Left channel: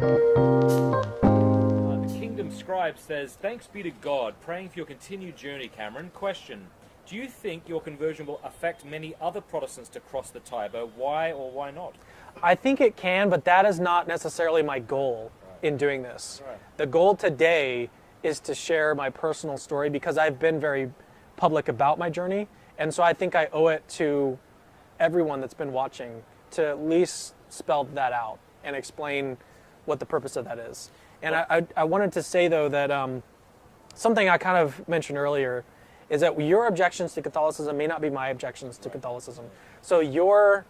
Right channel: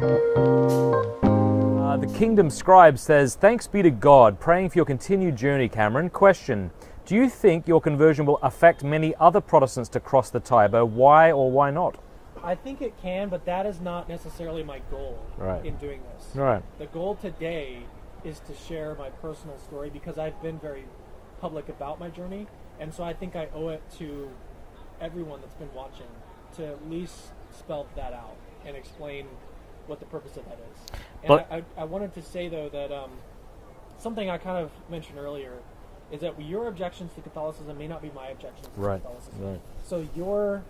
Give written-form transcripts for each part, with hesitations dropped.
The Kingdom Scribe says, thanks be to God, praying for your continued journey, Cameron. Question, do you think your conversion will affect many other Protestants to cross the Tiber? Why or why not? I think it can, but that is not necessarily my goal in doing this. Right. The goal today is to share my personal story because I've been very public about my journey. And so I think I owe it to everyone that's been watching to at least spell that out and explain what the purpose of that is. And I wanted to say, though, that something I kind of mentioned earlier is that your objections to Catholicism may not be my objections to Catholicism. Right. So your,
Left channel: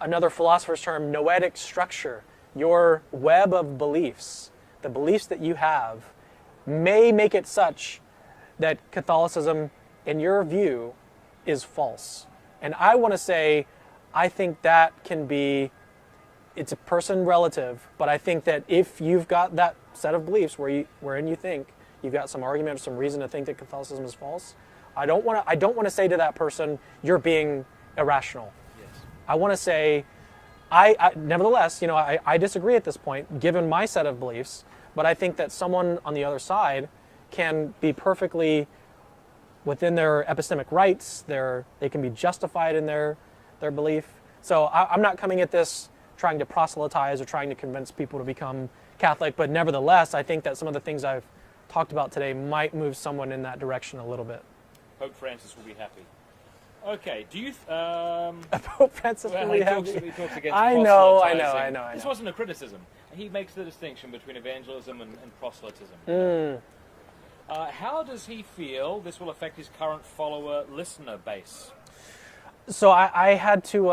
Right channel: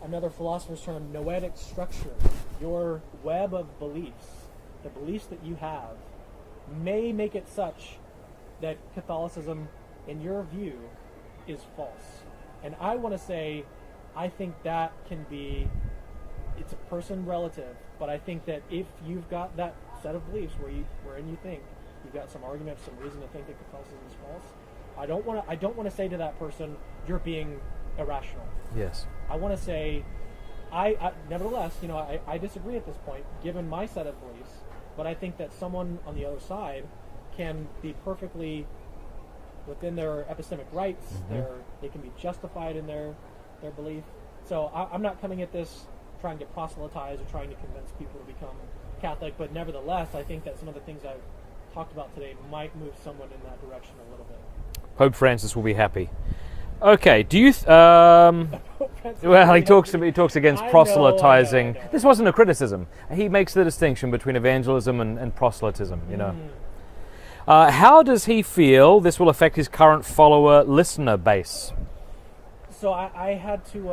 another philosopher's term, noetic structure, your web of beliefs, the beliefs that you have, may make it such that Catholicism, in your view, is false. And I want to say, I think that can be, it's a person relative, but I think that if you've got that set of beliefs wherein you think you've got some argument or some reason to think that Catholicism is false, I don't want to say to that person, you're being irrational. Yes. I want to say, I nevertheless, you know, I disagree at this point, given my set of beliefs, but I think that someone on the other side can be perfectly within their epistemic rights, they can be justified in their belief. So I'm not coming at this trying to proselytize or trying to convince people to become Catholic, but nevertheless, I think that some of the things I've talked about today might move someone in that direction a little bit. Pope Francis will be happy. Okay, do you... Pope Francis well, he talks against proselytizing. I know. This wasn't a criticism. He makes the distinction between evangelism and proselytism. You know? How does he feel this will affect his current follower-listener base? So I had to,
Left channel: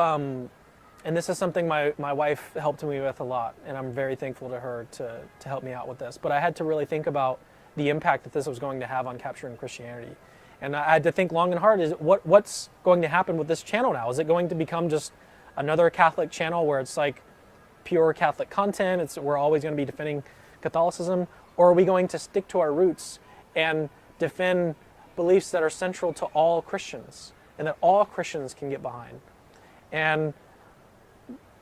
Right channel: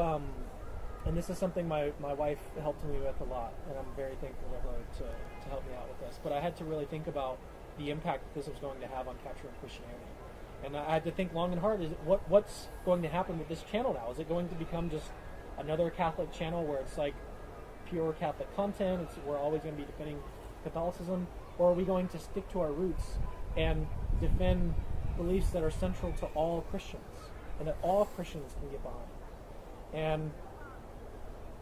and this is something my wife helped me with a lot, and I'm very thankful to her to help me out with this, but I had to really think about the impact that this was going to have on capturing Christianity. And I had to think long and hard, is what's going to happen with this channel now? Is it going to become just another Catholic channel where it's like pure Catholic content, we're always going to be defending Catholicism, or are we going to stick to our roots and defend beliefs that are central to all Christians and that all Christians can get behind? And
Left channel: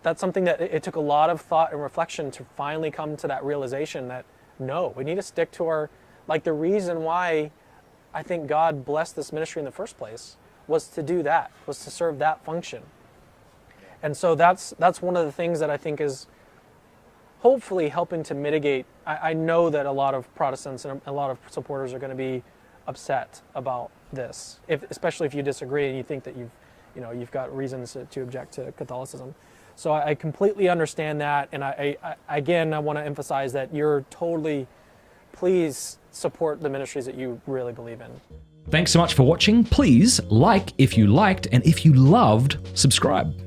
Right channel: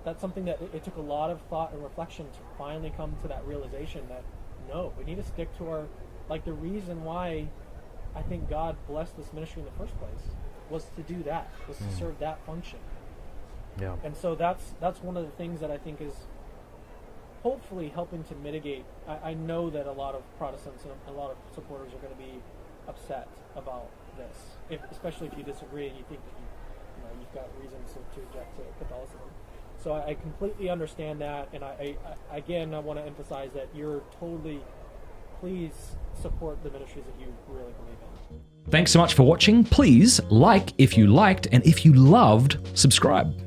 that's something that it took a lot of thought and reflection to finally come to that realization that no, we need to stick to our, like the reason why I think God blessed this ministry in the first place was to do that, was to serve that function. Yeah. And so that's one of the things that I think is hopefully helping to mitigate. I know that a lot of Protestants and a lot of supporters are going to be upset about this, especially if you disagree and you think that you've got reasons to object to Catholicism. So I completely understand that, and I want to emphasize that please support the ministries that you really believe in. Thanks so much for watching. Please like if you liked, and if you loved, subscribe.